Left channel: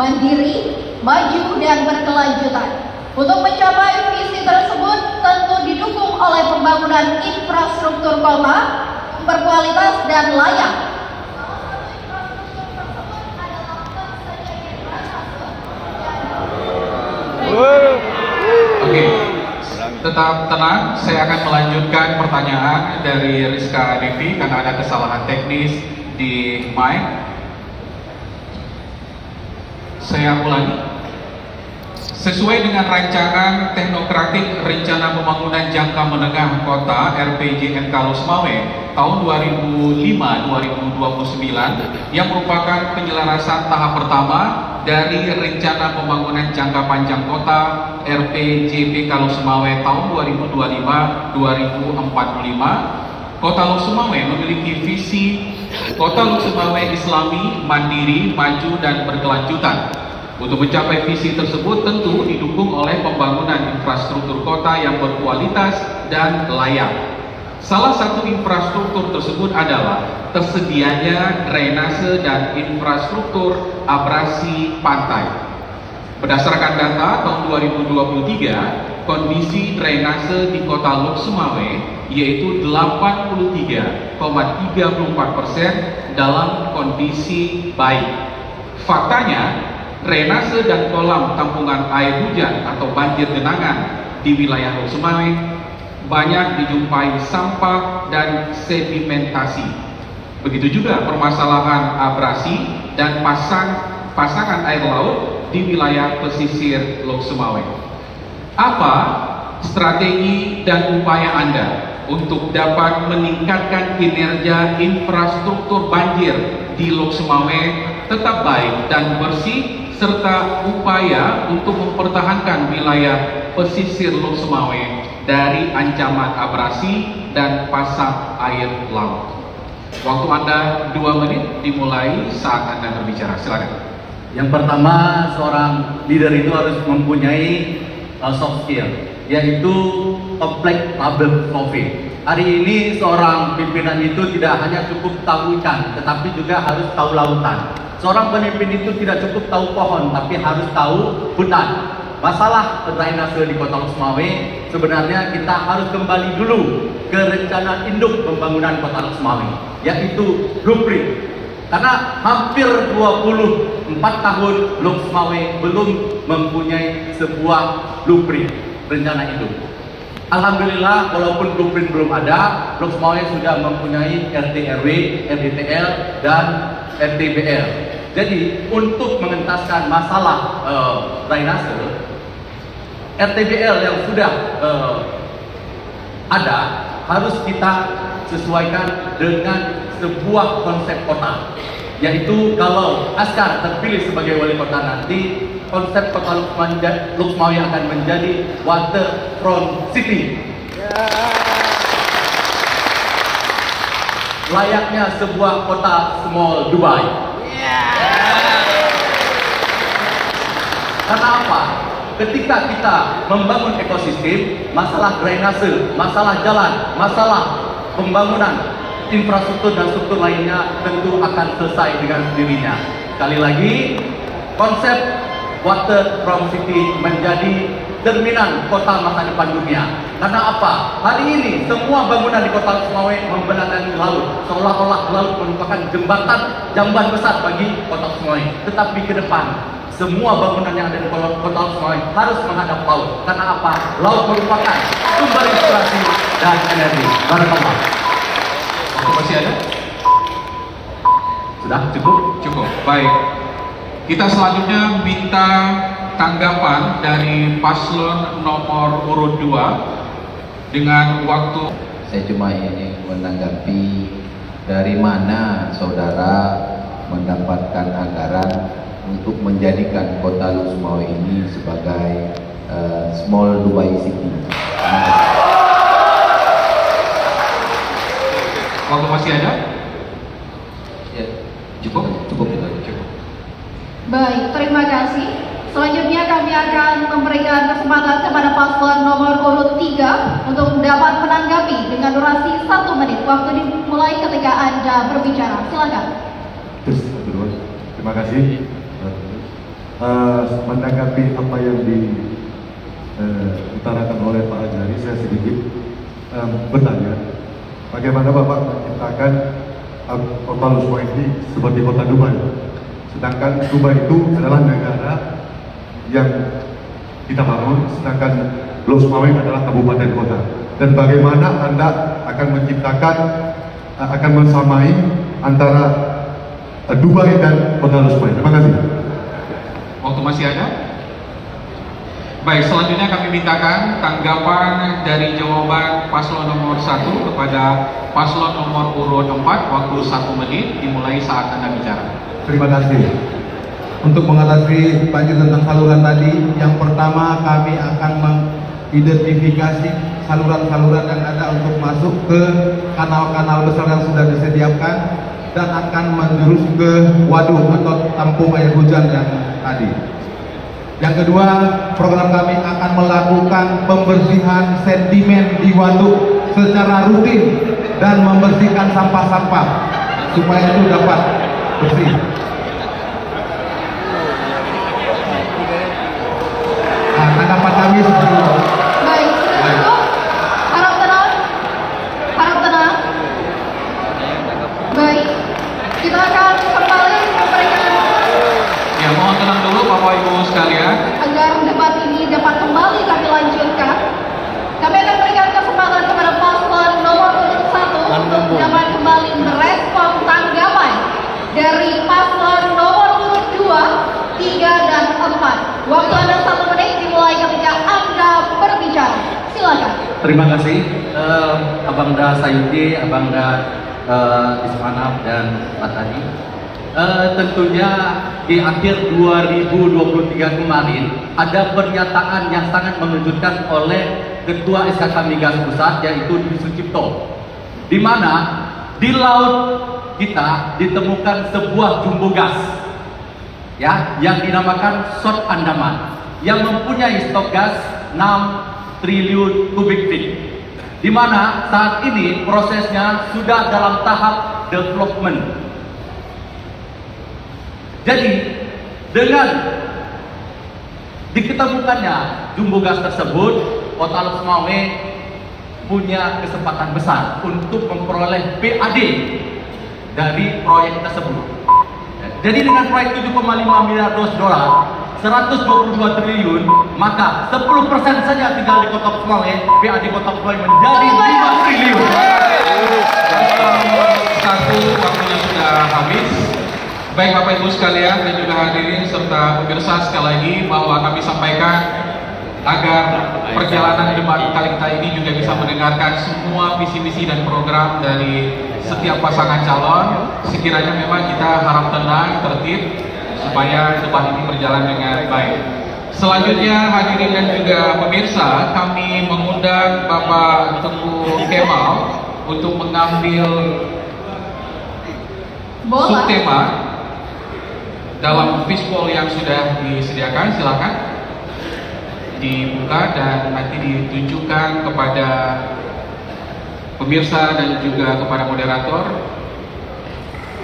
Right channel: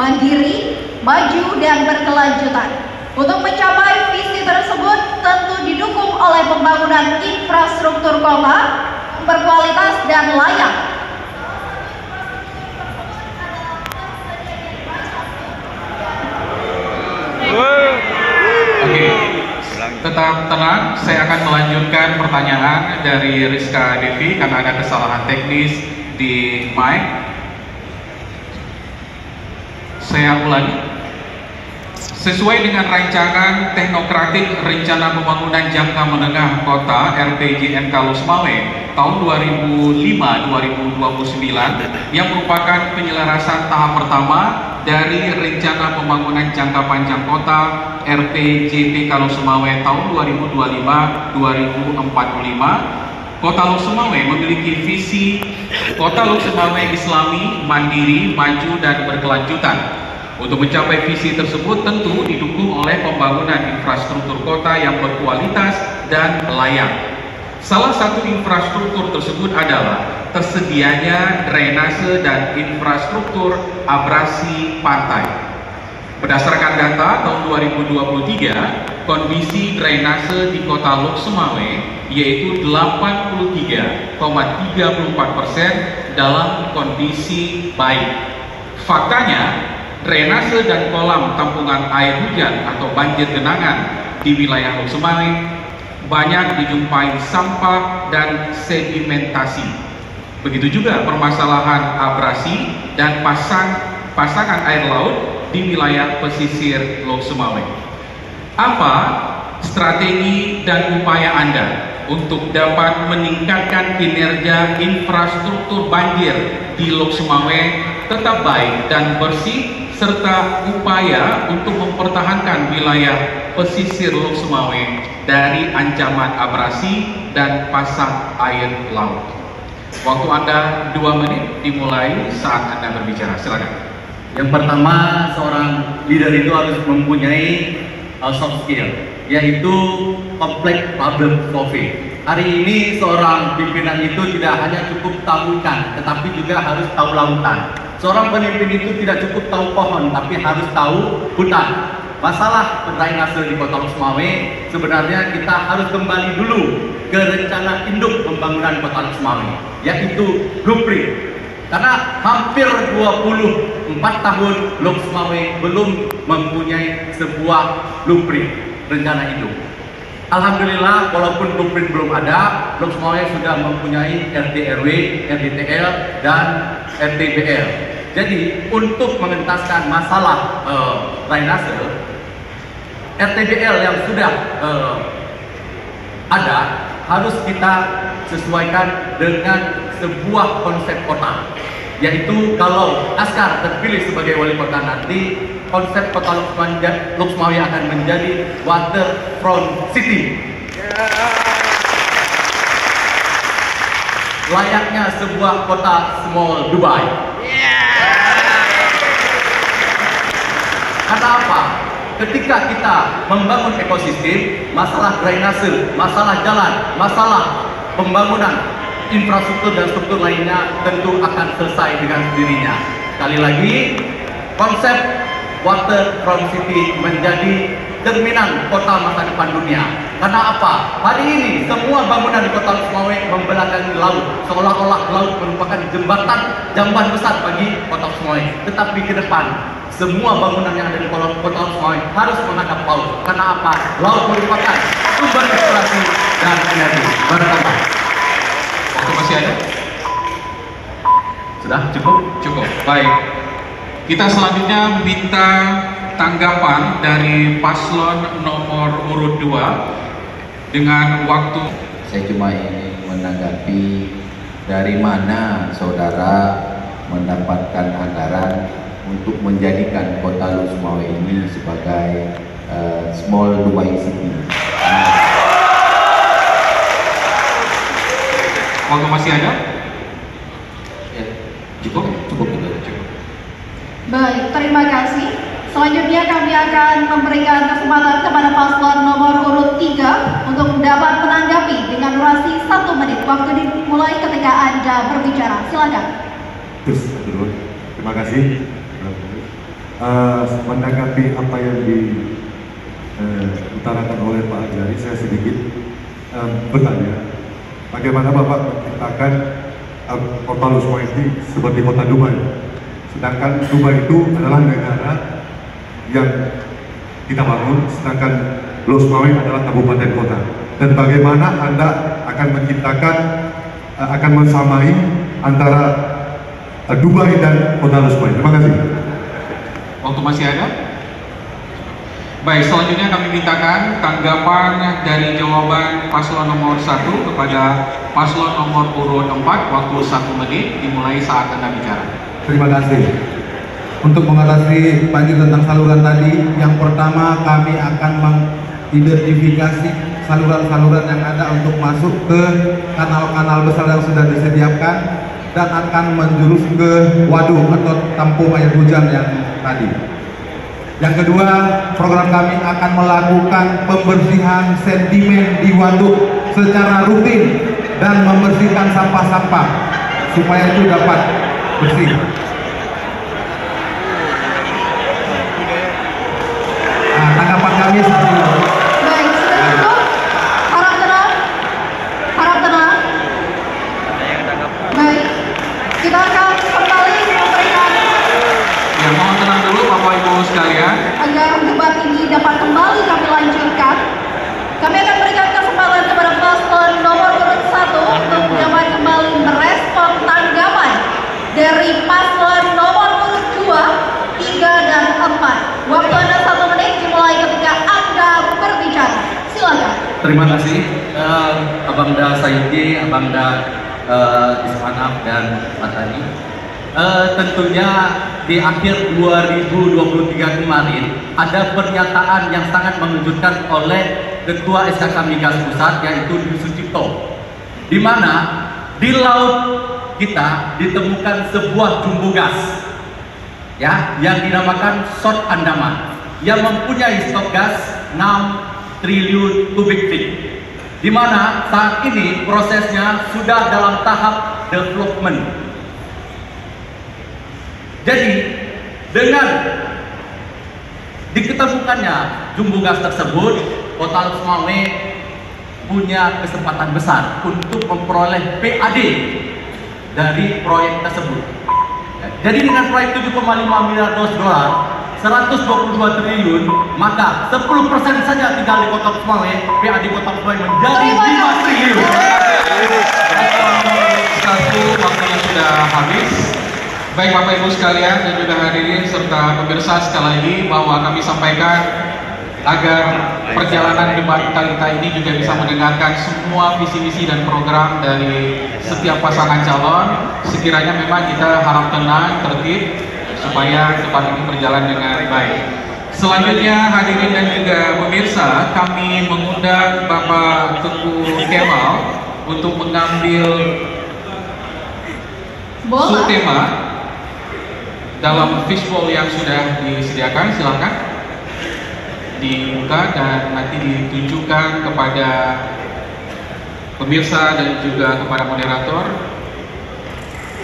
mandiri, maju, dan berkelanjutan. Untuk mencapai visi tersebut tentu didukung oleh pembangunan infrastruktur kota berkualitas dan layak. Oke, tetap tenang. Saya akan melanjutkan pertanyaan dari Rizka Devi karena ada kesalahan teknis di mic. Saya ulangi. Sesuai dengan rancangan teknokratik Rencana Pembangunan Jangka Menengah Kota RPJMK Losmawe tahun 2005-2029 yang merupakan penyelarasan tahap pertama dari Rencana Pembangunan Jangka Panjang Kota RPJPK Losmawe tahun 2025-2045, Kota Losmawe memiliki visi Kota Losmawe Islami, mandiri, maju, dan berkelanjutan. Untuk mencapai visi tersebut tentu didukung oleh pembangunan infrastruktur kota yang berkualitas dan layak. Salah satu infrastruktur tersebut adalah tersedianya drainase dan infrastruktur abrasi pantai. Berdasarkan data tahun 2023, kondisi drainase di Kota Lok Sumawe yaitu 83,34% dalam kondisi baik. Faktanya, drainase dan kolam tampungan air hujan atau banjir genangan di wilayah Lok Sumawe banyak dijumpai sampah dan sedimentasi. Begitu juga permasalahan abrasi dan pasangan air laut di wilayah pesisir Lok Sumawe. Apa strategi dan upaya Anda untuk dapat meningkatkan kinerja infrastruktur banjir di Lok Sumawe tetap baik dan bersih, serta upaya untuk mempertahankan wilayah pesisir Lok Sumawe dari ancaman abrasi dan pasang air laut? Waktu Anda 2 menit dimulai saat Anda berbicara. Silakan. Yang pertama, seorang leader itu harus mempunyai soft skill, yaitu kompleks problem solving. Hari ini seorang pimpinan itu tidak hanya cukup tahu ikan, tetapi juga harus tahu lautan. Seorang pemimpin itu tidak cukup tahu pohon, tapi harus tahu hutan. Masalah drainase di Kota Lok Sumawe, sebenarnya kita harus kembali dulu ke rencana induk pembangunan Kota Lok Sumawe, yaitu blueprint. Karena hampir 24 tahun Lok Sumawe belum mempunyai sebuah blueprint rencana induk. Alhamdulillah, walaupun blueprint belum ada, Lok Sumawe sudah mempunyai RT/RW, RDTL, dan RTBL. Jadi untuk mengentaskan masalah drainase, RTBL yang sudah ada harus kita sesuaikan dengan sebuah konsep kota. Yaitu kalau Askar terpilih sebagai wali kota nanti, konsep Kota Lok Sumawe akan menjadi waterfront city. Layaknya sebuah kota small Dubai. Karena apa? Ketika kita membangun ekosistem, masalah drainase, masalah jalan, masalah pembangunan infrastruktur dan struktur lainnya tentu akan selesai dengan sendirinya. Sekali lagi, konsep waterfront city menjadi cerminan kota masa depan dunia. Karena apa? Hari ini semua bangunan di Kota Lok Sumawe membelakangi laut, seolah-olah laut merupakan jembatan jamban besar bagi Kota Lok Sumawe. Tetapi ke depan, semua bangunan yang ada di Kota Lok Sumawe harus menghadap laut. Karena apa? Laut merupakan sumber inspirasi dan energi. Mantap. Waktu masih ada? Sudah cukup? Cukup. Baik. Kita selanjutnya minta tanggapan dari paslon nomor urut 2 dengan waktu. Saya cuma ingin menanggapi dari mana saudara mendapatkan anggaran untuk menjadikan Kota Lok Sumawe ini sebagai small Dubai City. Waktu masih ada? Ya, Cukup? cukup. Baik, terima kasih. Selanjutnya kami akan memberikan kesempatan kepada paslon nomor urut 3 untuk dapat menanggapi dengan durasi 1 menit. Waktu dimulai ketika Anda berbicara. Silakan. Terima kasih. Menanggapi apa yang diutarakan oleh Pak Ajari, saya sedikit bertanya, bagaimana Bapak menciptakan kota Lusma ini sebagai kota Dubai, sedangkan Dubai itu adalah negara yang kita bangun, sedangkan Lusma adalah kabupaten kota. Dan bagaimana Anda akan menciptakan, akan mensamai antara Dubai dan kota Lusma? Terima kasih. Waktu masih ada? Baik, selanjutnya kami mintakan tanggapan dari jawaban paslon nomor 1 kepada paslon nomor urut 4, waktu 1 menit, dimulai saat Anda bicara. Terima kasih. Untuk mengatasi banjir tentang saluran tadi, yang pertama kami akan mengidentifikasi saluran-saluran yang ada untuk masuk ke kanal-kanal besar yang sudah disediakan dan akan menjurus ke waduk atau tampung air hujan yang tadi. Yang kedua, program kami akan melakukan pembersihan sedimen di waduk secara rutin dan membersihkan sampah-sampah supaya itu dapat bersih. Nah, tanggapan kami seperti itu. Baik, sudah cukup. Harap tenang. Harap tenang. Baik, kita akan kembali memberikan Ya, mohon tenang dulu Bapak Ibu sekalian. agar debat ini dapat kembali kami lanjutkan. Kami akan berikan kesempatan kepada paslon nomor urut 1 untuk dapat kembali merespon tanggapan dari paslon nomor urut 2, 3, dan 4. Waktu Anda 1 menit dimulai ketika Anda berbicara. Silakan. Terima kasih Abangda Saidi, Abangda Ismanaf dan Mas Hadi. Tentunya di akhir 2023 kemarin ada pernyataan yang sangat mengejutkan oleh Ketua SKK Migas Pusat, yaitu Dwi Sucipto, di mana di laut kita ditemukan sebuah jumbo gas ya yang dinamakan South Andaman yang mempunyai stok gas 6 triliun kubik feet, di mana saat ini prosesnya sudah dalam tahap development. Jadi dengan diketemukannya jumbo gas tersebut, Kota Lusmawe punya kesempatan besar untuk memperoleh PAD dari proyek tersebut. Jadi dengan proyek 7,5 miliar dolar, 122 triliun, maka 10% saja tinggal di Kota Lusmawe, PAD Kota Lusmawe menjadi 5 triliun. Satu, waktunya sudah habis. Baik Bapak Ibu sekalian dan juga hadirin serta pemirsa, sekali lagi bahwa kami sampaikan agar perjalanan debat kita ini juga bisa mendengarkan semua visi-misi dan program dari setiap pasangan calon. Sekiranya memang kita harap tenang, tertib, supaya debat ini berjalan dengan baik. Selanjutnya hadirin dan juga pemirsa, kami mengundang Bapak Teguh Kemal untuk mengambil subtema dalam fishbowl yang sudah disediakan. Silakan dibuka dan nanti ditunjukkan kepada pemirsa dan juga kepada moderator.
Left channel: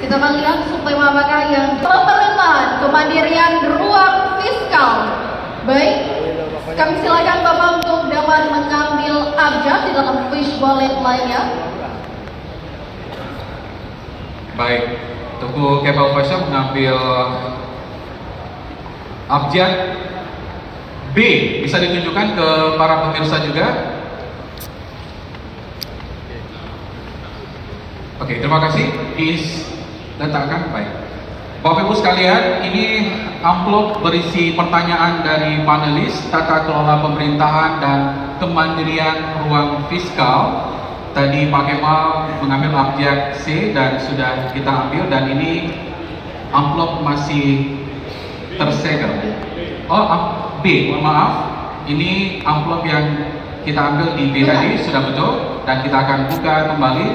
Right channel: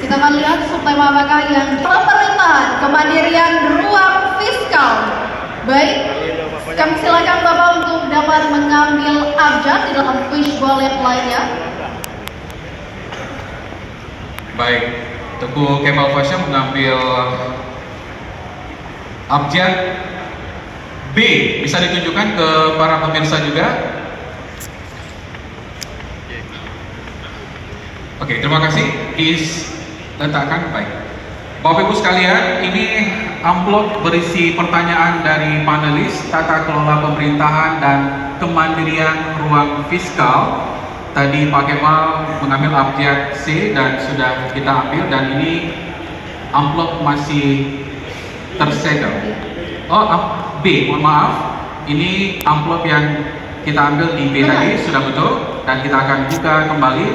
Kita akan lihat subtema apakah yang pemerintahan kemandirian ruang fiskal. Baik, kami silakan Bapak untuk dapat mengambil abjad di dalam fishbowl yang lainnya. Baik, Teguh Kemal Fasya mengambil abjad B. Bisa ditunjukkan ke para pemirsa juga. Oke, terima kasih. Diletakkan. Baik, Bapak Ibu sekalian, ini amplop berisi pertanyaan dari panelis tata kelola pemerintahan dan kemandirian ruang fiskal. Tadi Pak Kemal mengambil abjad C dan sudah kita ambil, dan ini amplop masih tersegel. Oh, B, mohon maaf. Ini amplop yang kita ambil di B tadi sudah betul, dan kita akan buka kembali.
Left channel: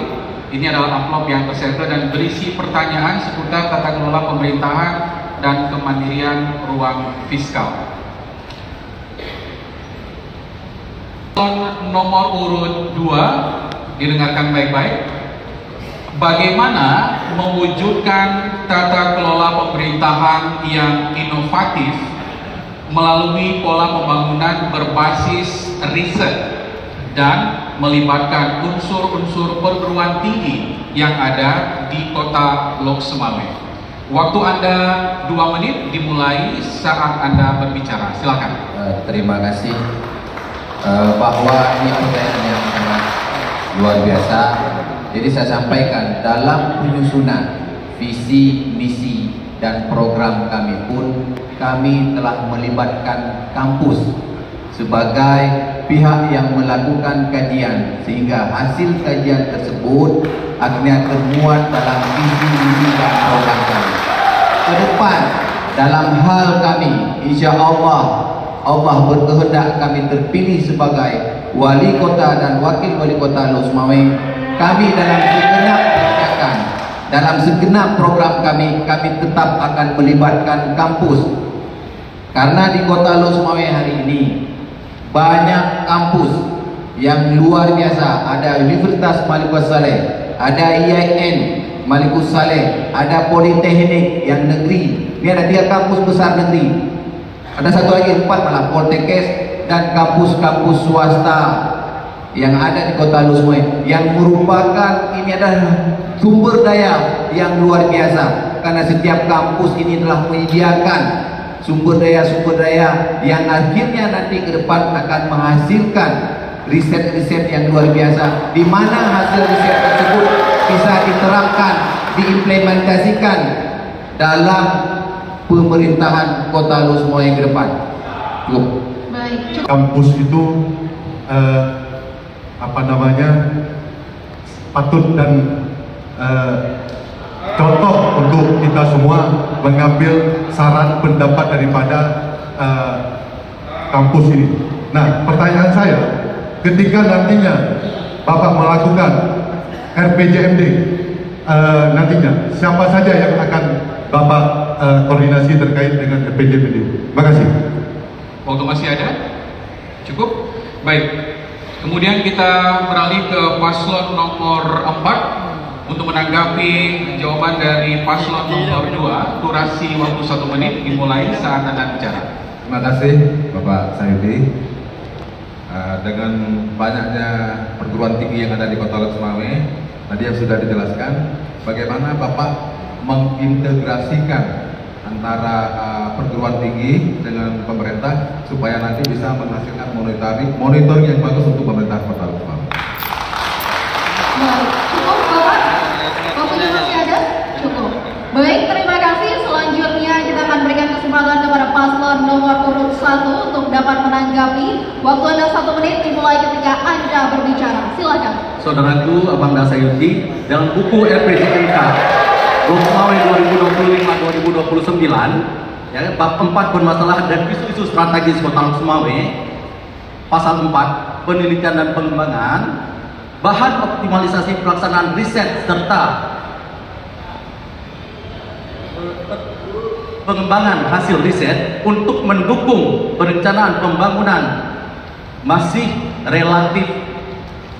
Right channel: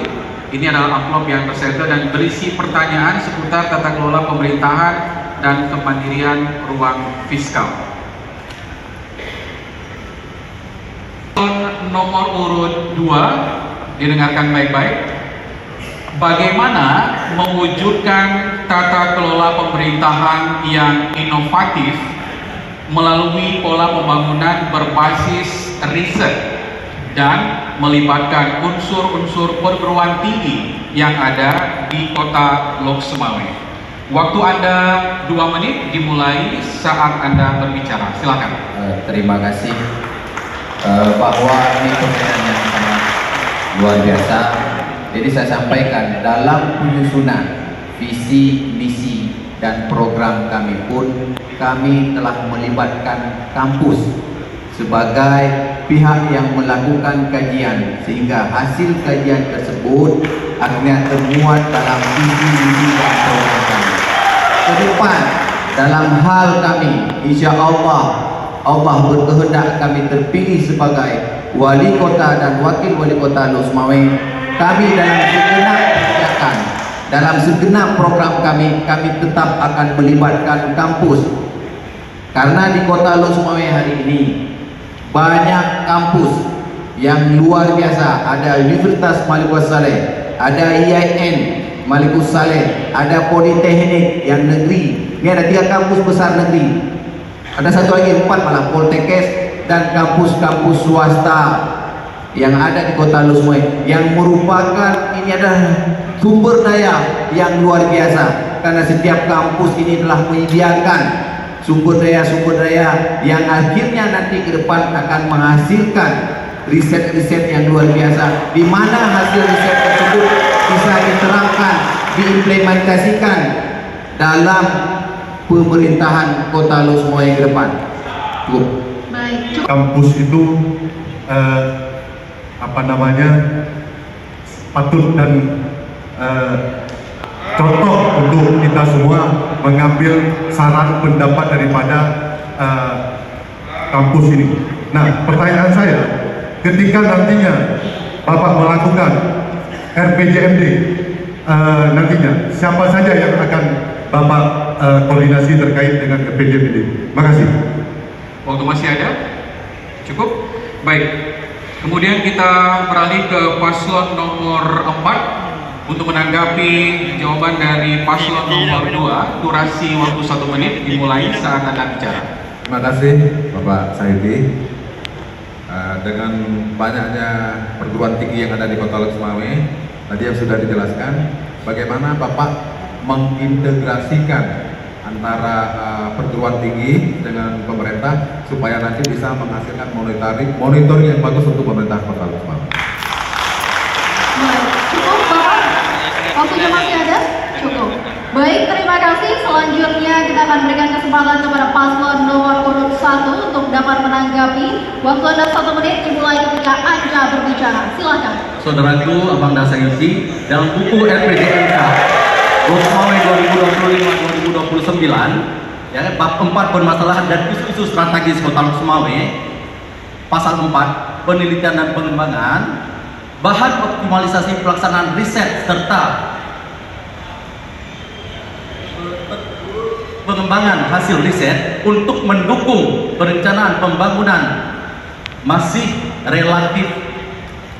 Ini adalah amplop yang tersegel dan berisi pertanyaan seputar tata kelola pemerintahan dan kemandirian ruang fiskal. Nomor urut 2, didengarkan baik-baik. bagaimana mewujudkan tata kelola pemerintahan yang inovatif melalui pola pembangunan berbasis riset dan melibatkan unsur-unsur perguruan tinggi yang ada di Kota Lok Sumawe. Waktu Anda 2 menit dimulai saat Anda berbicara. Silakan. Terima kasih. Bahwa ini pertanyaan yang sangat luar biasa. Jadi saya sampaikan dalam penyusunan visi, misi, dan program kami pun kami telah melibatkan kampus sebagai pihak yang melakukan kajian, sehingga hasil kajian tersebut akhirnya termuat dalam visi, misi, dan program kami. Ke depan dalam hal kami, insya Allah berkehendak kami terpilih sebagai wali kota dan wakil wali kota Lok Sumawe. Kami dalam segenap kebijakan, dalam segenap program kami tetap akan melibatkan kampus. Karena di Kota Lok Sumawe hari ini banyak kampus yang luar biasa. Ada Universitas Malikus Saleh, ada IAIN Malikus Saleh, ada Politeknik yang negeri. Ini ada 3 kampus besar negeri. Ada satu lagi 4 malah, Poltekkes dan kampus-kampus swasta yang ada di Kota Lok Sumawe, yang merupakan ini adalah sumber daya yang luar biasa, karena setiap kampus ini telah menyediakan sumber daya yang akhirnya nanti ke depan akan menghasilkan riset-riset yang luar biasa, di mana hasil riset tersebut bisa diterapkan, diimplementasikan dalam pemerintahan Kota Lok Sumawe ke depan. Baik. Kampus itu patut dan contoh untuk kita semua mengambil saran pendapat daripada kampus ini. Nah, pertanyaan saya, ketika nantinya Bapak melakukan RPJMD nantinya, siapa saja yang akan Bapak koordinasi terkait dengan RPJMD? Terima kasih. Waktu masih ada? Cukup? Baik. Kemudian kita beralih ke paslon nomor 4 untuk menanggapi jawaban dari paslon nomor 2. Durasi waktu 1 menit dimulai saat Anda bicara. Terima kasih Bapak Saidi. Dengan banyaknya perguruan tinggi yang ada di Kota Lok Sumawe, tadi yang sudah dijelaskan, bagaimana Bapak mengintegrasikan antara perguruan tinggi dengan pemerintah supaya nanti bisa menghasilkan monitoring yang bagus untuk pemerintah Kota Lok Sumawe. Cukup Bapak? Waktunya masih ada? Cukup. Baik, terima kasih. Selanjutnya kita akan berikan kesempatan kepada paslon nomor urut 1 untuk dapat menanggapi. Waktu Anda 1 menit dimulai ketika Anda berbicara. Silakan. Saudaraku, Abang Dasayusi, dalam buku RPJMK Lok Sumawe 2025-2029, ya, bab 4 bermasalah dan isu-isu strategis Kota Lok Sumawe, pasal 4 penelitian dan pengembangan, bahan optimalisasi pelaksanaan riset serta pengembangan hasil riset untuk mendukung perencanaan pembangunan masih relatif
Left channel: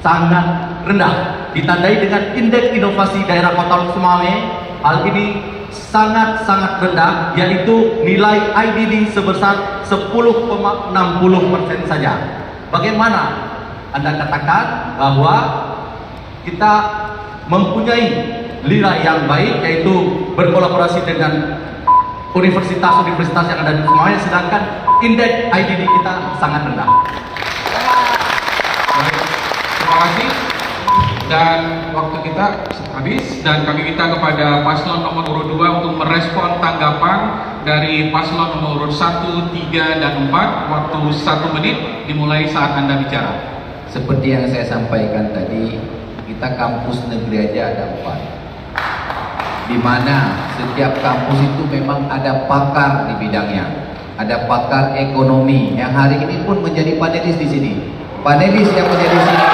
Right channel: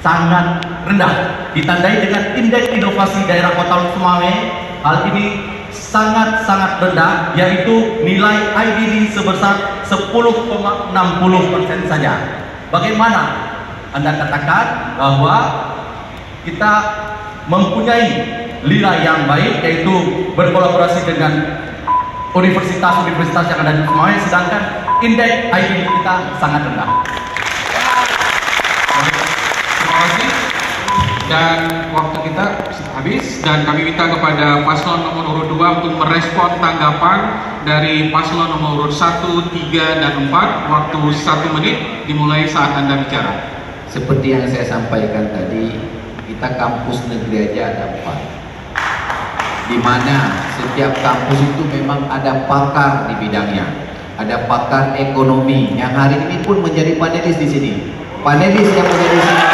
sangat rendah, ditandai dengan indeks inovasi daerah Kota Lok Sumawe. Hal ini sangat-sangat rendah, yaitu nilai IDD sebesar 10,60% saja. Bagaimana Anda katakan bahwa kita mempunyai nilai yang baik, yaitu berkolaborasi dengan universitas-universitas yang ada di Sumawe, sedangkan indeks IDD kita sangat rendah. Terima kasih. Dan waktu kita habis, dan kami minta kepada paslon nomor urut 2 untuk merespon tanggapan dari paslon nomor urut 1, 3, dan 4. Waktu 1 menit dimulai saat Anda bicara. Seperti yang saya sampaikan tadi, kita kampus negeri aja ada 4, di mana setiap kampus itu memang ada pakar di bidangnya, ada pakar ekonomi yang hari ini pun menjadi panelis di sini. Panelis yang menjadi sini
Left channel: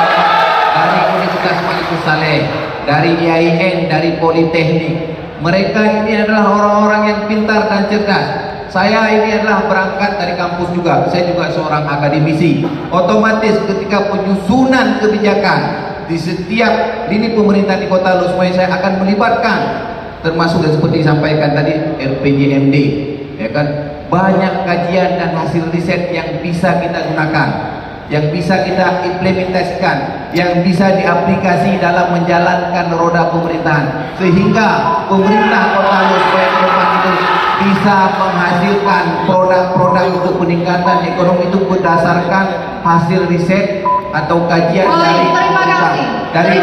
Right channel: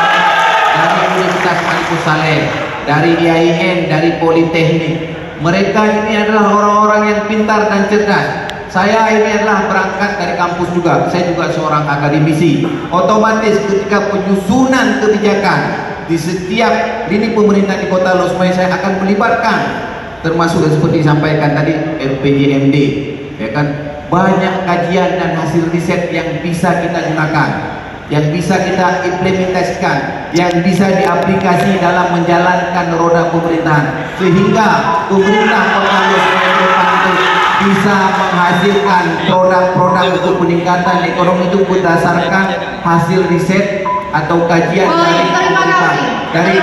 dari Universitas Malikus Saleh, dari IAIN, dari Politeknik. Mereka ini adalah orang-orang yang pintar dan cerdas. Saya ini adalah berangkat dari kampus juga. Saya juga seorang akademisi. Otomatis ketika penyusunan kebijakan di setiap lini pemerintah di Kota Losmai saya akan melibatkan, termasuk seperti disampaikan tadi RPJMD, ya kan, banyak kajian dan hasil riset yang bisa kita gunakan, yang bisa kita implementasikan, yang bisa diaplikasi dalam menjalankan roda pemerintahan, sehingga pemerintah Kota Losmai itu bisa menghasilkan produk-produk untuk peningkatan ekonomi itu berdasarkan hasil riset atau kajian dari pemerintah, dari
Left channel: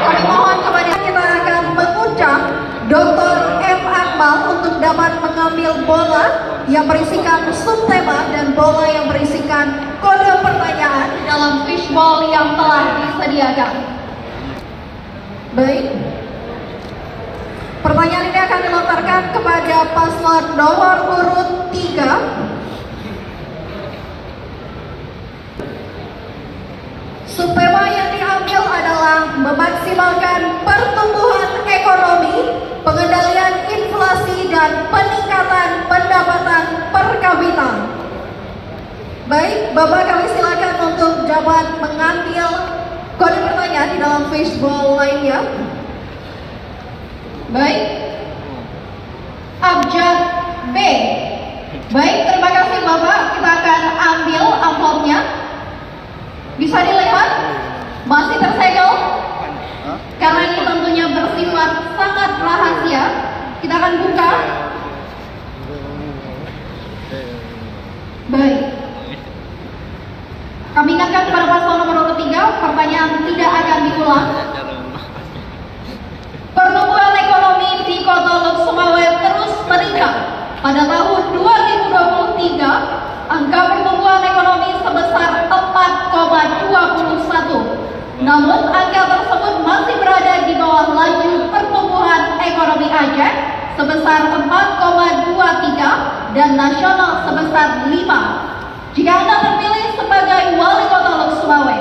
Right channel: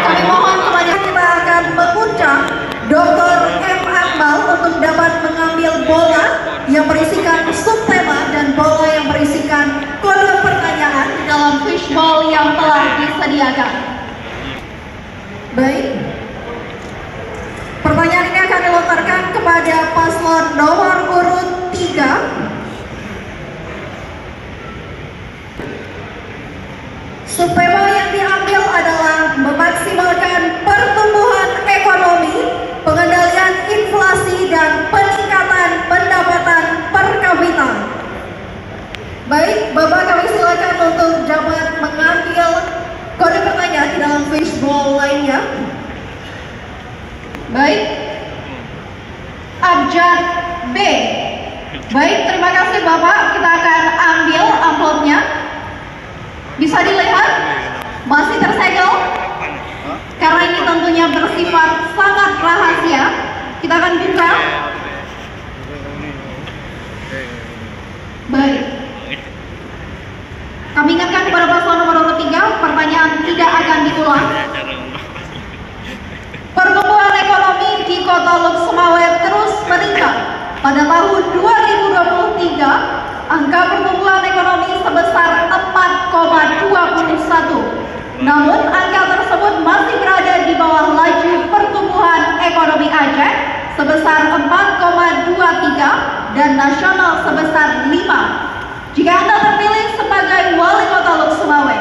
Kami mohon kepada kita akan mengundang Dr. M. Akmal untuk dapat mengambil bola yang berisikan subtema dan bola yang berisikan kode pertanyaan di dalam fishbowl yang telah disediakan. Baik. Pertanyaan ini akan dilontarkan kepada paslon nomor urut 3. Subtema yang diambil adalah memaksimalkan pertumbuhan ekonomi, pengendalian inflasi, dan peningkatan pendapatan per kapita. Baik, Bapak, kami silakan untuk dapat mengambil kode pertanyaan di dalam fishbowl lainnya. Baik, abjad B. Baik, terima kasih Bapak. Kita akan ambil amplopnya. Bisa dilihat, masih tersegel. Karena ini tentunya bersifat sangat rahasia. Kita akan buka. Baik. Kami ingatkan kepada paslon nomor 3, pertanyaan tidak akan diulang. Pertumbuhan ekonomi di Kota Lok-Sumawe terus meningkat. Pada tahun 2023, angka pertumbuhan ekonomi sebesar 4,21. Namun, angka tersebut masih berada di bawah laju pertumbuhan ekonomi Aceh sebesar 4,23 dan nasional sebesar 5. Jika Anda terpilih sebagai Wali Kota Lok-Sumawe,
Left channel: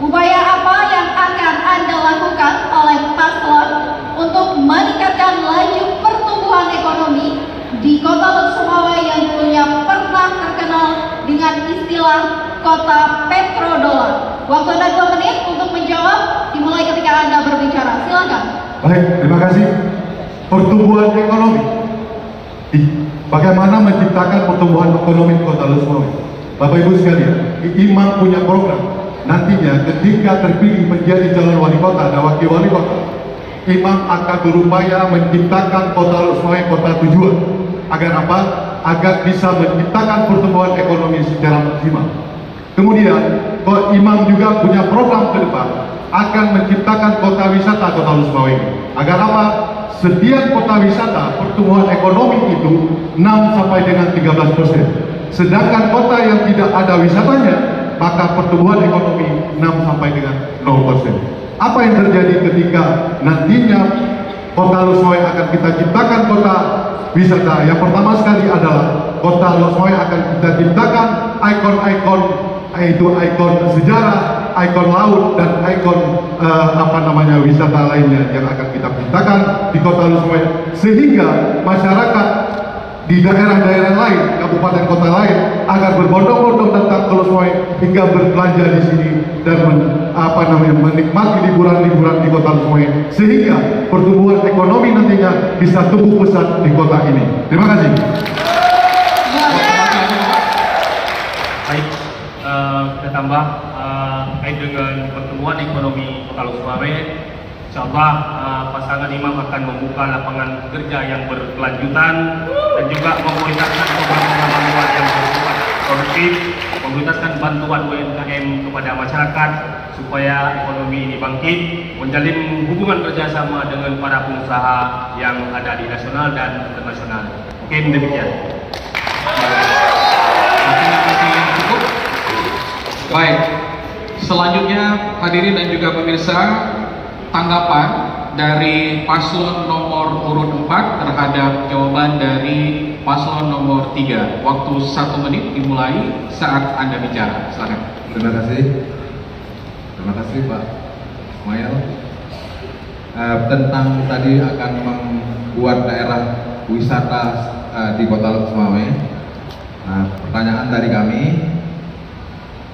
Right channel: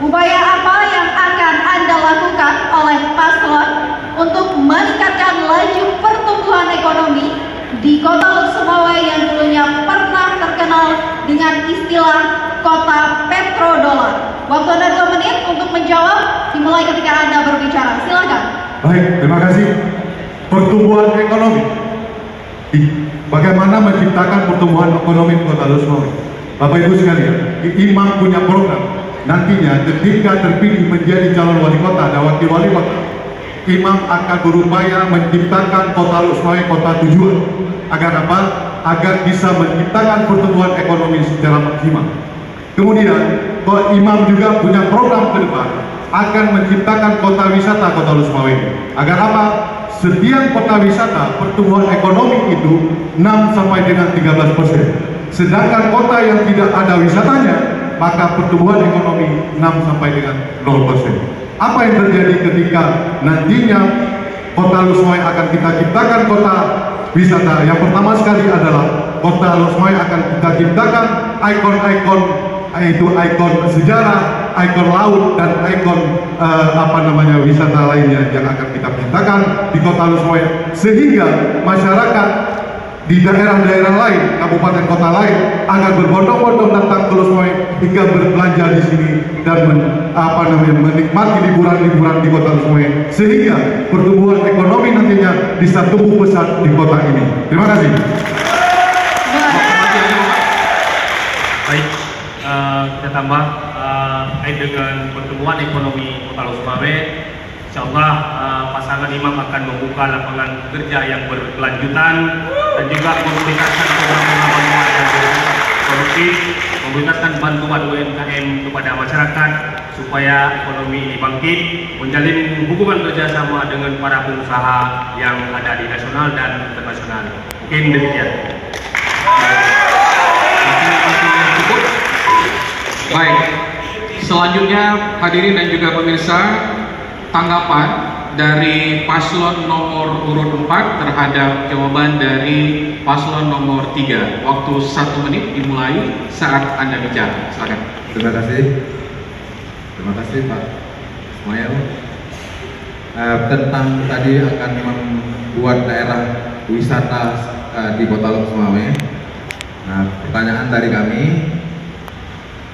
upaya apa yang akan Anda lakukan oleh paslon untuk meningkatkan laju pertumbuhan ekonomi di Kota Lok-Sumawe yang dulunya pernah terkenal dengan istilah kota petrodolar? Waktu Anda 2 menit untuk menjawab, dimulai ketika Anda berbicara. Silakan. Baik, terima kasih. Pertumbuhan ekonomi. Bagaimana menciptakan pertumbuhan ekonomi di Kota Lok-Sumawe? Bapak Ibu sekalian, Imam punya program. Nantinya ketika terpilih menjadi calon wali kota dan wakil wali kota, Imam akan berupaya menciptakan Kota Lok-Sumawe kota tujuan. Agar apa? Agar bisa menciptakan pertumbuhan ekonomi secara maksimal. Kemudian, Imam juga punya program ke depan akan menciptakan kota wisata Kota Lok-Sumawe. Agar apa? Setiap kota wisata pertumbuhan ekonomi itu 6 sampai dengan 13%. Sedangkan kota yang tidak ada wisatanya, maka pertumbuhan ekonomi 6 sampai dengan 0%. Apa yang terjadi ketika nantinya Kota Lok-Sumawe akan kita ciptakan kota wisata? Yang pertama sekali adalah Kota Lok-Sumawe akan kita ciptakan ikon-ikon, yaitu ikon sejarah, ikon laut, dan ikon wisata lainnya yang akan kita ciptakan di Kota Lok-Sumawe, sehingga masyarakat di daerah-daerah lain, kabupaten kota lain agar berbondong-bondong datang ke Lok-Sumawe hingga berbelanja di sini dan menikmati liburan-liburan di Kota Lok-Sumawe, sehingga pertumbuhan ekonomi nantinya bisa tumbuh pesat di kota ini. Terima kasih. Baik, kita tambah kait dengan pertumbuhan ekonomi Kota Lok-Sumawe. Insyaallah pasangan Imam akan membuka lapangan kerja yang berkelanjutan dan juga memobilisasi pengalaman yang produktif, memberikan bantuan UMKM kepada masyarakat supaya ekonomi ini bangkit, menjalin hubungan kerjasama dengan para pengusaha yang ada di nasional dan internasional. Mungkin demikian. Baik, selanjutnya hadirin dan juga pemirsa, tanggapan dari paslon nomor urut 4 terhadap jawaban dari paslon nomor 3. Waktu 1 menit dimulai saat Anda bicara. Silakan. Terima kasih Pak Ismail. Tentang tadi akan membuat daerah wisata di Kota Lok-Sumawe. Nah, pertanyaan dari kami,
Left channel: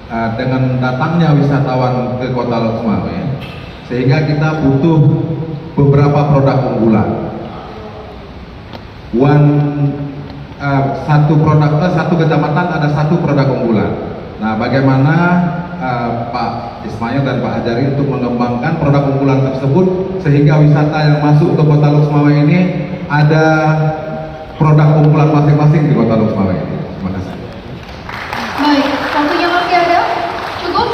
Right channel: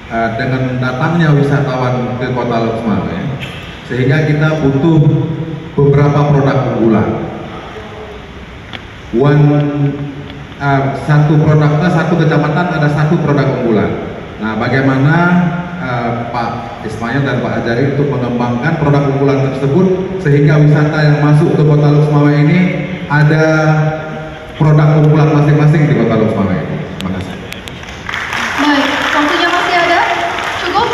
dengan datangnya wisatawan ke Kota Lok Sumawe, sehingga kita butuh beberapa produk unggulan. Satu kecamatan ada satu produk unggulan. Nah, bagaimana Pak Ismail dan Pak Ajari untuk mengembangkan produk unggulan tersebut sehingga wisata yang masuk ke Kota Lok Sumawe ini ada produk unggulan masing-masing di Kota Lok Sumawe ini. Terima kasih. Baik, waktunya masih ada? Cukup?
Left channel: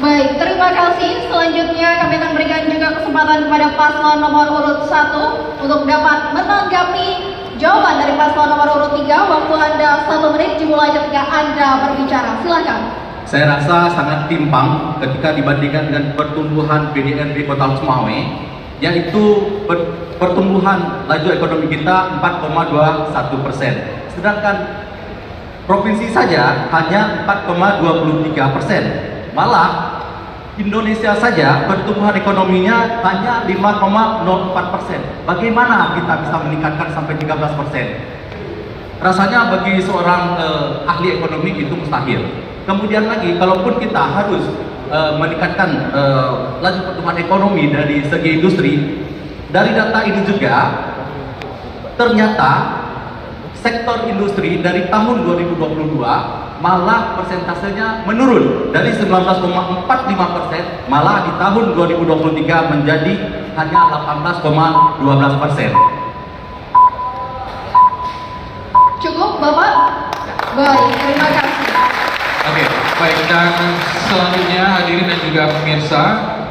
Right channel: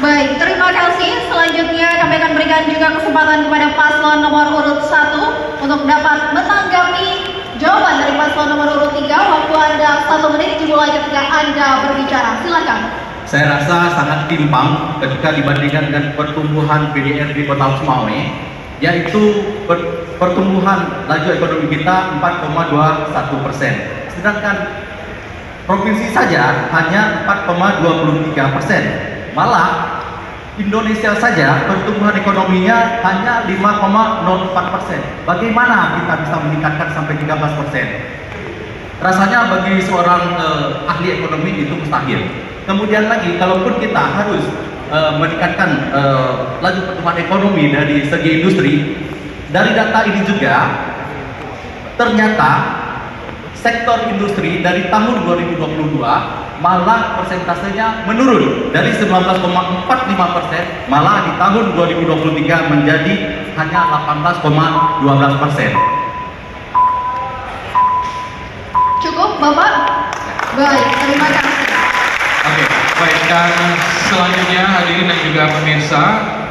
Baik, terima kasih. Selanjutnya kami akan berikan juga kesempatan kepada paslon nomor urut 1 untuk dapat menanggapi jawaban dari paslon nomor urut 3. Waktu Anda 1 menit dimulai ketika Anda berbicara. Silakan. Saya rasa sangat timpang ketika dibandingkan dengan pertumbuhan PDR di Kota Sumawe, yaitu pertumbuhan laju ekonomi kita 4,21%, sedangkan provinsi saja hanya 4,23%. Malah Indonesia saja pertumbuhan ekonominya hanya 5,04%. Bagaimana kita bisa meningkatkan sampai 13%? Rasanya bagi seorang ahli ekonomi itu mustahil. Kemudian lagi, kalaupun kita harus meningkatkan laju pertumbuhan ekonomi dari segi industri, dari data ini juga ternyata sektor industri dari tahun 2022 malah persentasenya menurun dari 19,45%, malah di tahun 2023 menjadi hanya 18,12%. Cukup, Bapak? Baik, terima kasih. Oke, baik, dan selanjutnya hadirin dan juga pemirsa,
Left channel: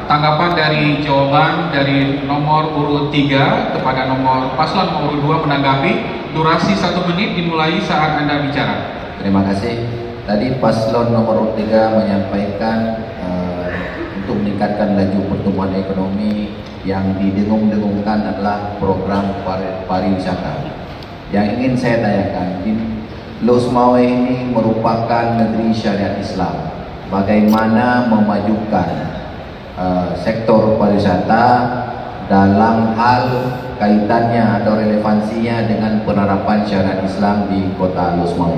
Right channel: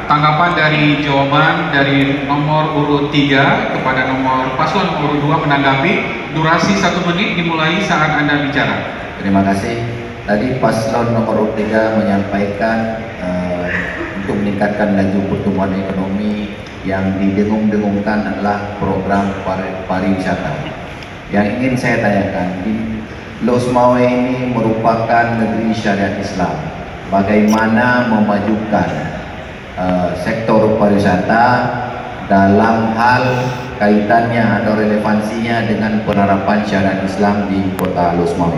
tanggapan dari jawaban dari nomor urut 3 kepada nomor paslon nomor 2 menanggapi. Durasi 1 menit dimulai saat Anda bicara. Terima kasih. Tadi paslon nomor 3 menyampaikan untuk meningkatkan laju pertumbuhan ekonomi yang didengung-dengungkan adalah program pariwisata. Yang ingin saya tanyakan, Lok Sumawe ini merupakan negeri syariat Islam. Bagaimana memajukan sektor pariwisata dalam hal kaitannya atau relevansinya dengan penerapan syariat Islam di Kota Lok Sumawe?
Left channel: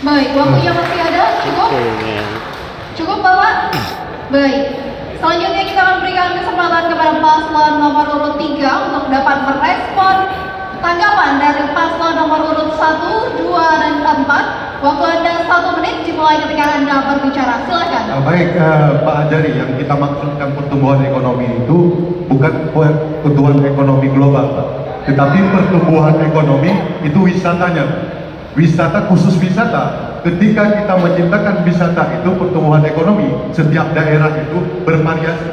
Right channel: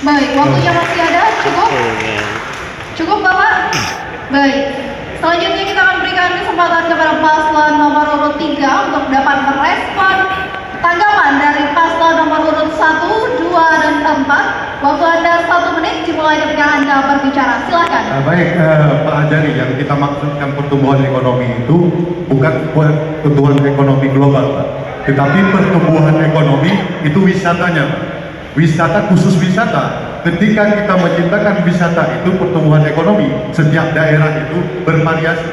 Baik, waktunya masih ada? Cukup? Cukup, Bapak? Baik. Selanjutnya kita akan berikan kesempatan kepada paslon nomor urut 3 untuk dapat merespon tanggapan dari paslon nomor urut 1, 2, dan 4. Waktu Anda 1 menit dimulai ketika Anda berbicara. Silakan. Baik, Pak Ajari, yang kita maksudkan pertumbuhan ekonomi itu bukan pertumbuhan ekonomi global, Pak. Tetapi pertumbuhan ekonomi itu wisatanya, wisata khusus wisata. Ketika kita menciptakan wisata itu pertumbuhan ekonomi, setiap daerah itu bervariasi.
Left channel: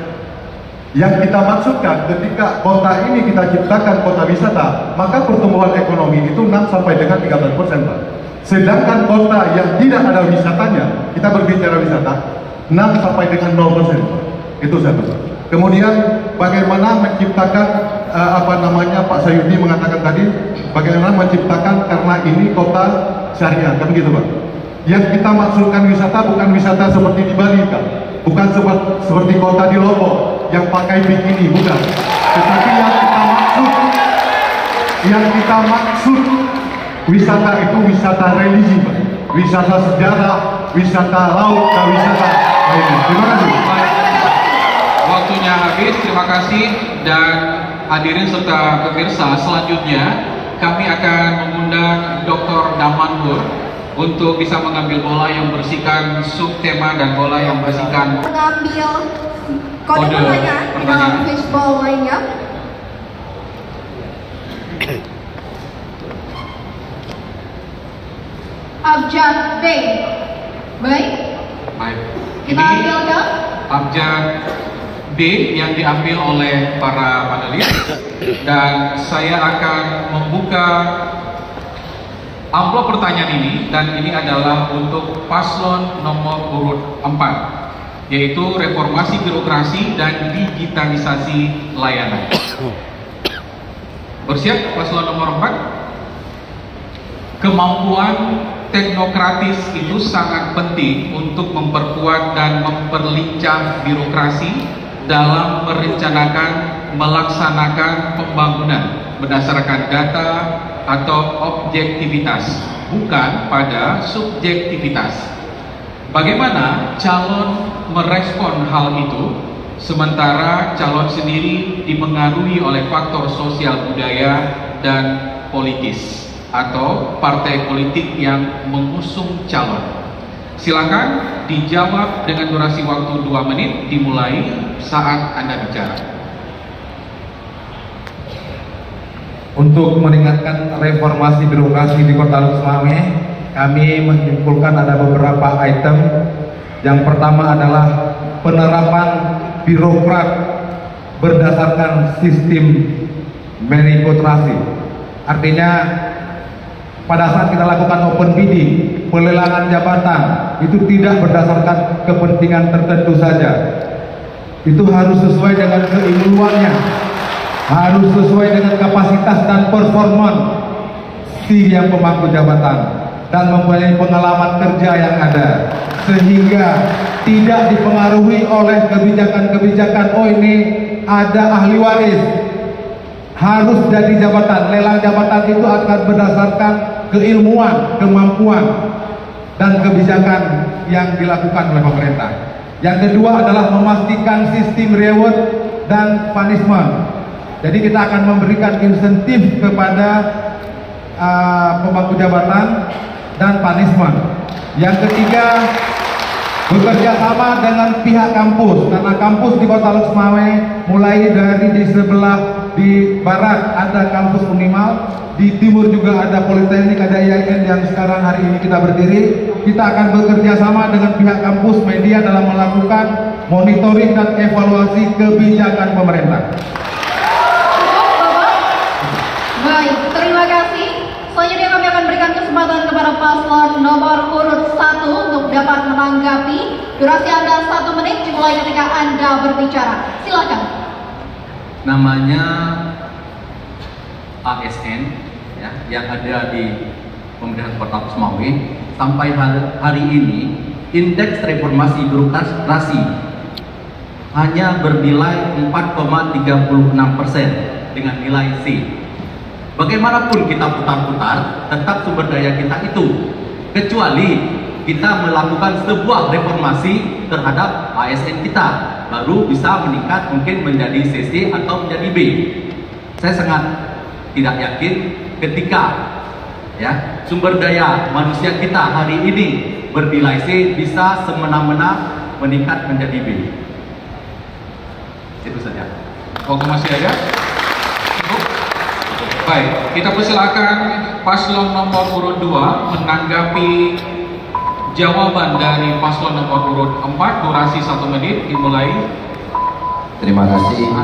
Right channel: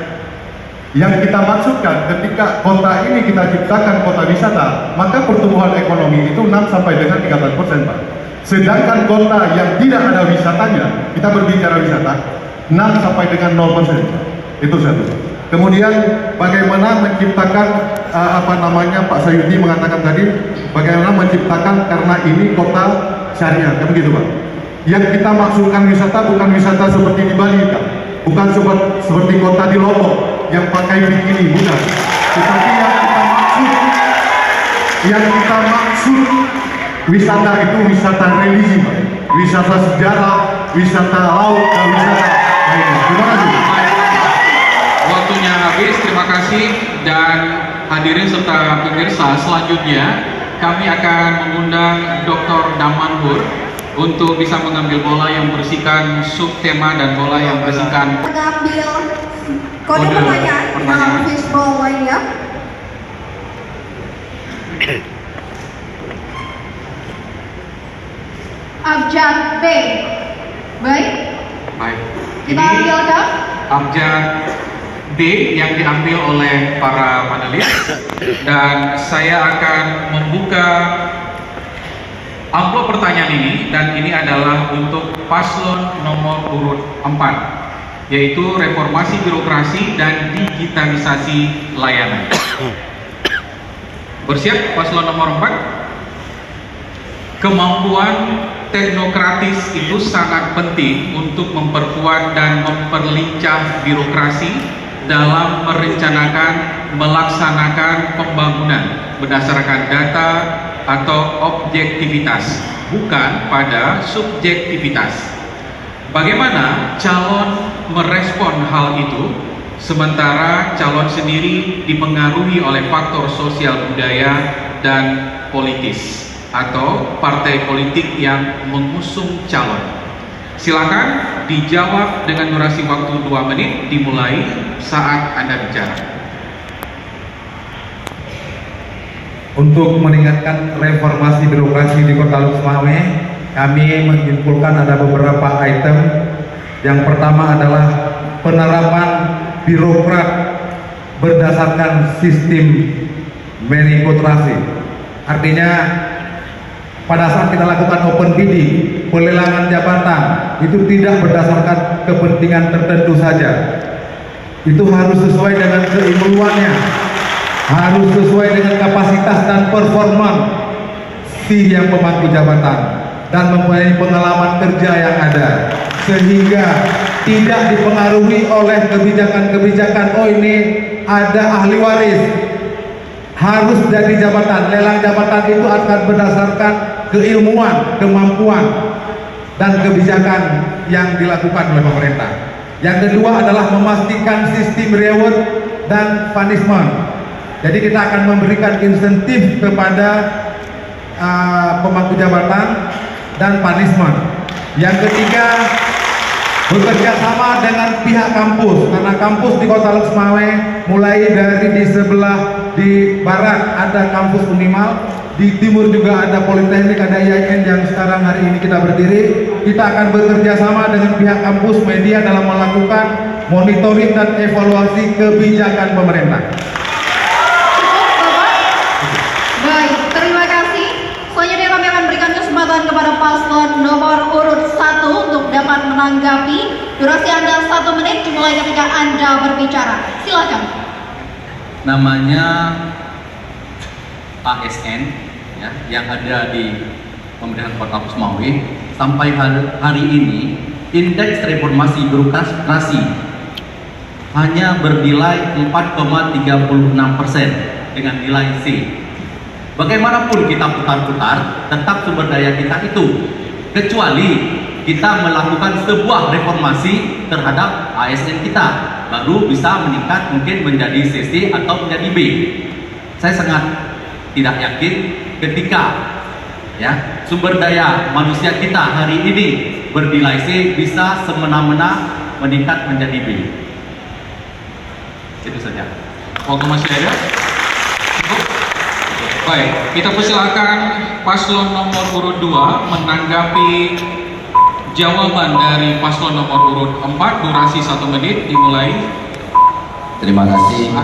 Yang kita maksudkan ketika kota ini kita ciptakan kota wisata, maka pertumbuhan ekonomi itu 6 sampai dengan 13%, Pak. Sedangkan kota yang tidak ada wisatanya, kita berbicara wisata, 6 sampai dengan 0%, Pak. Itu satu, Pak. Kemudian bagaimana menciptakan Pak Sayudi mengatakan tadi, bagaimana menciptakan karena ini kota syariah, kan begitu, Pak. Yang kita maksudkan wisata bukan wisata seperti di Bali, Pak. Bukan seperti kota di Lombok yang pakai bikini, bukan. Tetapi yang kita maksud wisata itu wisata religi, Pak. Wisata sejarah, wisata laut, dan wisata lainnya. Terima kasih. Waktunya habis, terima kasih. Dan hadirin serta pemirsa, selanjutnya kami akan mengundang Dr. Damanhur untuk bisa mengambil bola yang berisikan subtema dan bola yang berisikan Mengambil kode pertanyaan di fishbowl lainnya. Abjad B. Baik. baik. Kita Ini ambilkan. abjad B yang diambil oleh para panelis, dan saya akan membuka amplop pertanyaan ini, dan ini adalah untuk paslon nomor urut 4, yaitu reformasi birokrasi dan digitalisasi layanan. Bersiap paslon nomor 4. Kemampuan teknokratis itu sangat penting untuk memperkuat dan memperlincah birokrasi dalam merencanakan, melaksanakan pembangunan berdasarkan data, atau objektivitas, bukan pada subjektivitas. Bagaimana calon merespon hal itu, sementara calon sendiri dipengaruhi oleh faktor sosial budaya dan politis atau partai politik yang mengusung calon? Silakan dijawab dengan durasi waktu 2 menit dimulai saat Anda bicara. Untuk meningkatkan reformasi birokrasi di Kota Lux-Mame, kami menyimpulkan ada beberapa item. Yang pertama adalah penerapan birokrat berdasarkan sistem meritokrasi. Artinya pada saat kita lakukan open bidding, pelelangan jabatan itu tidak berdasarkan kepentingan tertentu saja. Itu harus sesuai dengan keilmuannya, harus sesuai dengan kapasitas dan performa si yang pemangku jabatan dan mempunyai pengalaman kerja yang ada, sehingga tidak dipengaruhi oleh kebijakan-kebijakan oh ini ada ahli waris harus jadi jabatan. Lelang jabatan itu akan berdasarkan keilmuan, kemampuan dan kebijakan yang dilakukan oleh pemerintah. Yang kedua adalah memastikan sistem reward dan punishment. Jadi kita akan memberikan insentif kepada pemangku jabatan dan punishment. Yang ketiga, bekerja sama dengan pihak kampus, karena kampus di Kota Lux-Mame mulai dari di sebelah di barat ada kampus Unimal, di timur juga ada Politeknik, ada IAIN yang sekarang hari ini kita berdiri. Kita akan bekerja sama dengan pihak kampus media dalam melakukan monitoring dan evaluasi kebijakan pemerintah. Baik, terima kasih. Selanjutnya kami akan berikan kesempatan kepada paslon nomor urut 1 untuk dapat menanggapi. Durasi Anda 1 menit dimulai ketika Anda berbicara. Silakan. Namanya ASN ya, yang ada di pemerintahan Kota Lux-Mame. Sampai hari ini indeks reformasi birokrasi hanya bernilai 4,36% dengan nilai C. Bagaimanapun kita putar-putar, tetap sumber daya kita itu, kecuali kita melakukan sebuah reformasi terhadap ASN kita, baru bisa meningkat mungkin menjadi CC atau menjadi B. Saya sangat tidak yakin ketika ya sumber daya manusia kita hari ini bernilai C bisa semena-mena meningkat menjadi B. Itu saja. Waktu masih ada? Baik, kita persilakan paslon nomor urut 2 menanggapi jawaban dari paslon nomor urut 4. Durasi 1 menit dimulai. Terima kasih.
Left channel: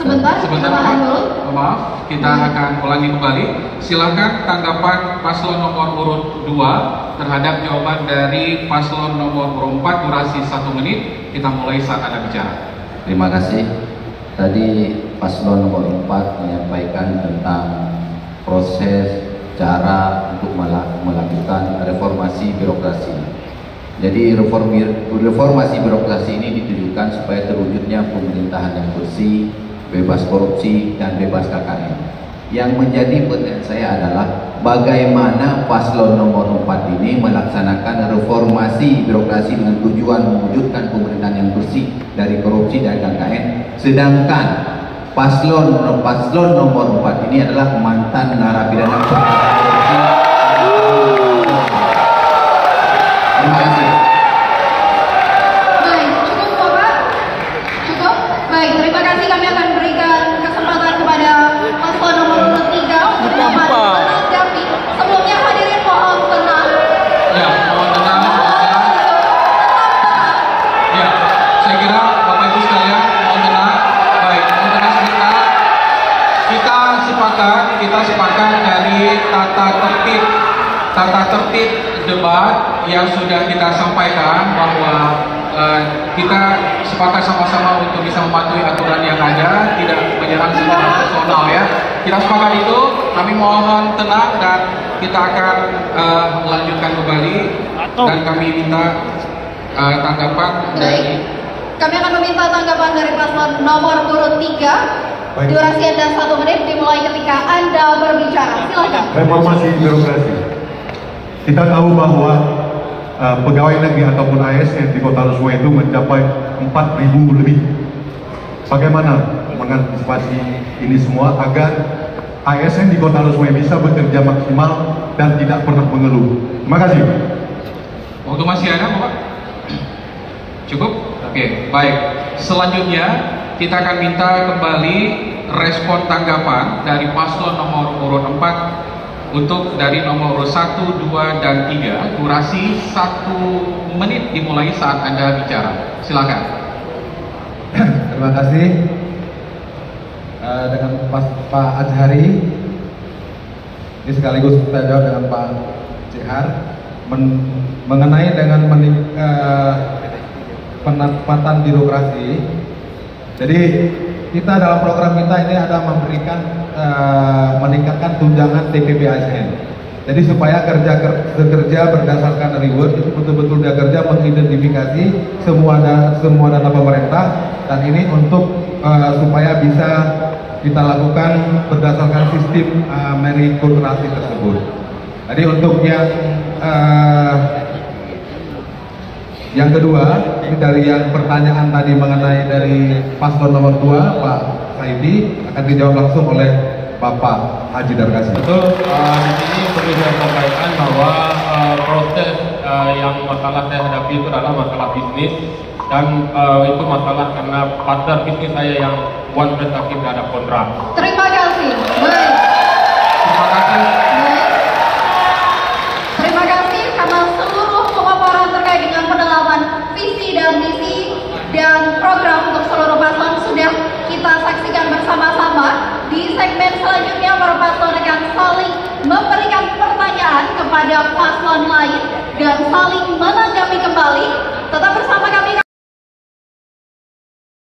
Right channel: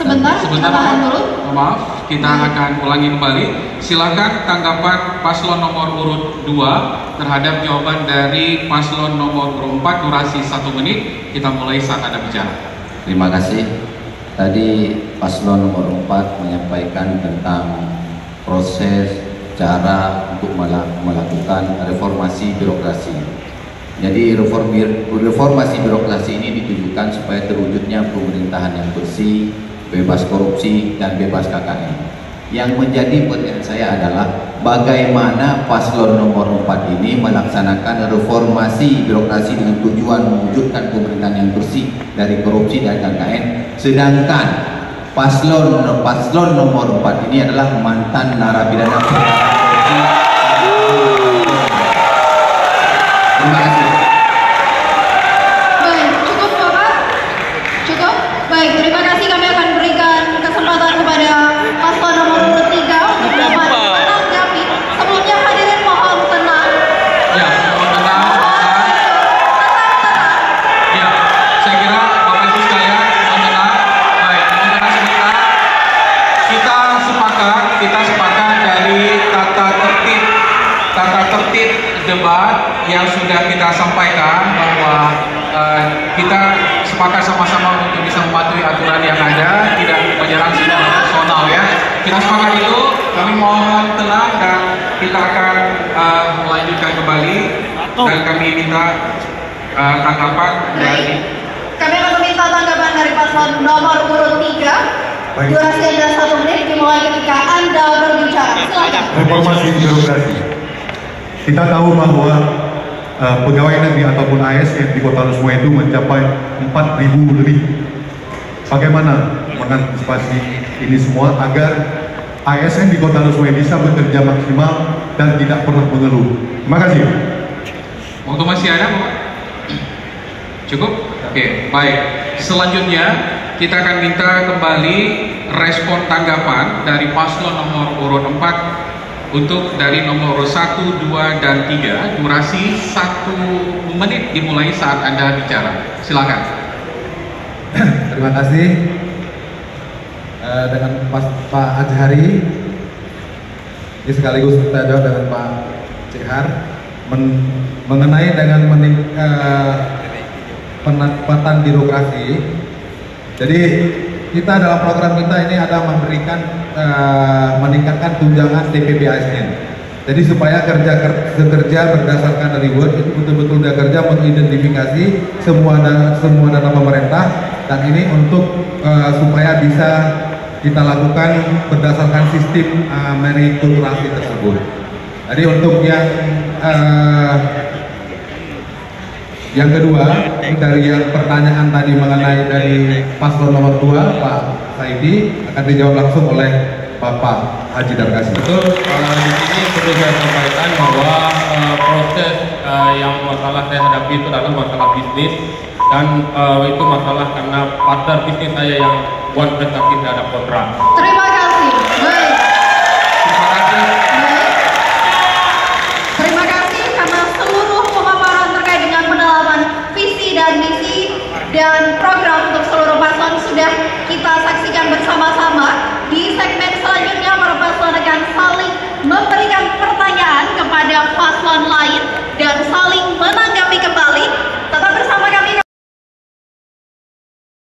Sebentar, Pak. Maaf, kita akan ulangi kembali. Silakan tanggapan paslon nomor urut 2 terhadap jawaban dari paslon nomor urut 4. Durasi 1 menit. Kita mulai saat Anda bicara. Terima kasih. Tadi paslon nomor 4 menyampaikan tentang proses cara untuk melakukan reformasi birokrasi. Jadi reformasi birokrasi ini ditujukan supaya terwujudnya pemerintahan yang bersih, bebas korupsi, dan bebas KKN. Yang menjadi pertanyaan saya adalah bagaimana paslon nomor 4 ini melaksanakan reformasi birokrasi dengan tujuan mewujudkan pemerintahan yang bersih dari korupsi dan KKN, sedangkan paslon nomor 4 ini adalah mantan narapidana korupsi. Terima kasih. Baik, cukup Bapak? Cukup? Baik, terima kasih. Kami akan berikan kesempatan kepada paslon nomor urut 3 untuk dapat menanggapi. Sebelumnya hadirin mohon tenang. Ya, mohon tenang. Ya, saya kira Bapak Ibu sekalian mohon tenang. Baik, mohon tenang sebentar. Kita sepakat dari tata tertib debat yang sudah kita sampaikan bahwa kita sepakat sama-sama untuk bisa mematuhi aturan yang ada, tidak menyerang sikap personal ya. Kita sepakat itu, kami mohon tenang dan kita akan melanjutkan kembali dan kami minta tanggapan dari. Kami akan meminta tanggapan dari paslon nomor urut 3. Baik. Durasi Anda 1 menit dimulai ketika Anda berbicara. Silakan. Reformasi birokrasi. Kita tahu bahwa pegawai negeri ataupun ASN di Kota Lusuma itu mencapai 4.000 lebih. Bagaimana mengantisipasi ini semua agar ASN di Kota Lusuma bisa bekerja maksimal dan tidak pernah mengeluh? Terima kasih. Waktu masih ada, Pak? Cukup? Oke, baik. Selanjutnya kita akan minta kembali respon tanggapan dari paslon nomor urut 4 untuk dari nomor urut 1, 2, dan 3. Durasi 1 menit dimulai saat Anda bicara. Silakan. Terima kasih. Dengan Pak Azhari, ini sekaligus kita jawab dengan Pak CR mengenai dengan penempatan birokrasi. Jadi kita dalam program kita ini ada memberikan meningkatkan tunjangan TPP ASN. Jadi supaya kerja berdasarkan reward itu betul-betul kerja mengidentifikasi semua dana pemerintah, dan ini untuk supaya bisa kita lakukan berdasarkan sistem meritokrasi tersebut. Jadi untuk yang kedua, dari yang pertanyaan tadi mengenai dari paslon nomor 2, Pak Saidi, akan dijawab langsung oleh Bapak Haji Darkasi. Betul, di sini perlu saya sampaikan bahwa proses yang masalah saya hadapi itu adalah masalah bisnis, dan itu masalah karena partner bisnis saya yang one prestasi tidak ada kontrak. Terima kasih.